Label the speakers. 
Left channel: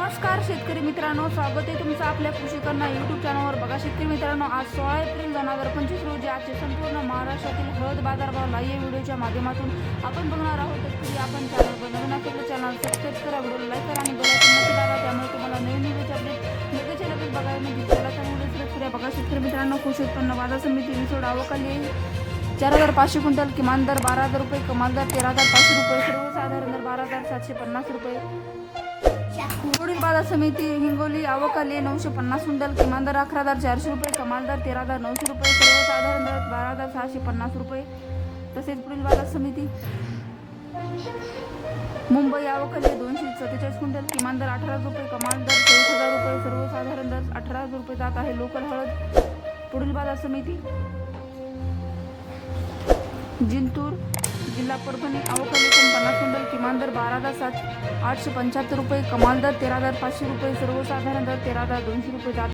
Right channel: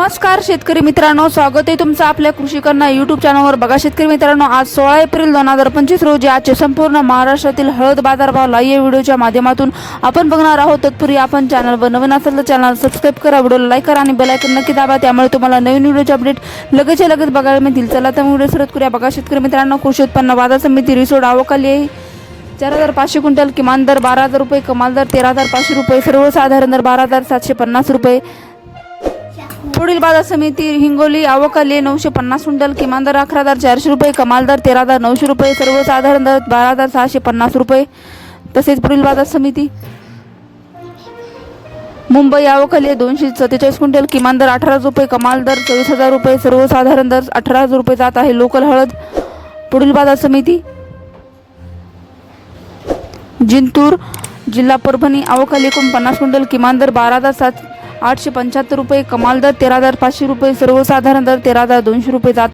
Speaker 1: नमस्कार शेतकरी मित्रांनो. स्वागत आहे तुमचं आपल्या कृषीकरणा यूट्यूब चॅनलवर बघा शेतकरी मित्रांनो आज सोळा एप्रिल दोन हजार पंचवीस रोजी आजचे संपूर्ण महाराष्ट्रातील हळद बाजारभावला या व्हिडिओच्या माध्यमातून आपण बघणार आहोत. तत्पूर्वी आपण चॅनलवर नवीन असेल तर चॅनल सबस्क्राईब करा व्हिडिओला लाईक करा आणि बेलायकन नक्की दाबा. त्यामुळे तुम्हाला नवीन व्हिडिओचे अपडेट लगेच लगेच बघायला मिळतील. चला तर व्हिडिओ सुरुवात करूया. बघा शेतकरी मित्रांनो कृषी उत्पन्न बाजार समिती रिसोड आवकाली आहे. चार हजार पाचशे क्विंटल किमान दर बारा हजार रुपये कमाल दर तेरा हजार पाचशे रुपये सर्वसाधारण दर बारा हजार सातशे पन्नास रुपये. पुढील बाजार समिती हिंगोली आवकाली नऊशे पन्नास क्विंटल किमान दर अकरा हजार चारशे रुपये कमाल दर तेरा हजार नऊशे रुपये सर्वसाधारण दर बारा हजार सहाशे पन्नास रुपये. तसेच पुढील बाजार समिती. मुंबई आवकाली दोनशे सत्तेचाळीस क्विंटल किमान दर अठरा रुपये कमाल दर चोवीस हजार रुपये सर्वसाधारण दर अठरा हजार रुपये जात आहे. लोकल हळद. पुढील बाजार समिती. जिंतूर जिल्हा परभणी आवकाली एकूण पन्नास क्विंटल किमान दर बारा हजार सात आठशे पंच्याहत्तर रुपये कमाल दर तेरा हजार पाचशे रुपये
Speaker 2: सर्वसाधारण दर तेरा हजार दोनशे रुपये जात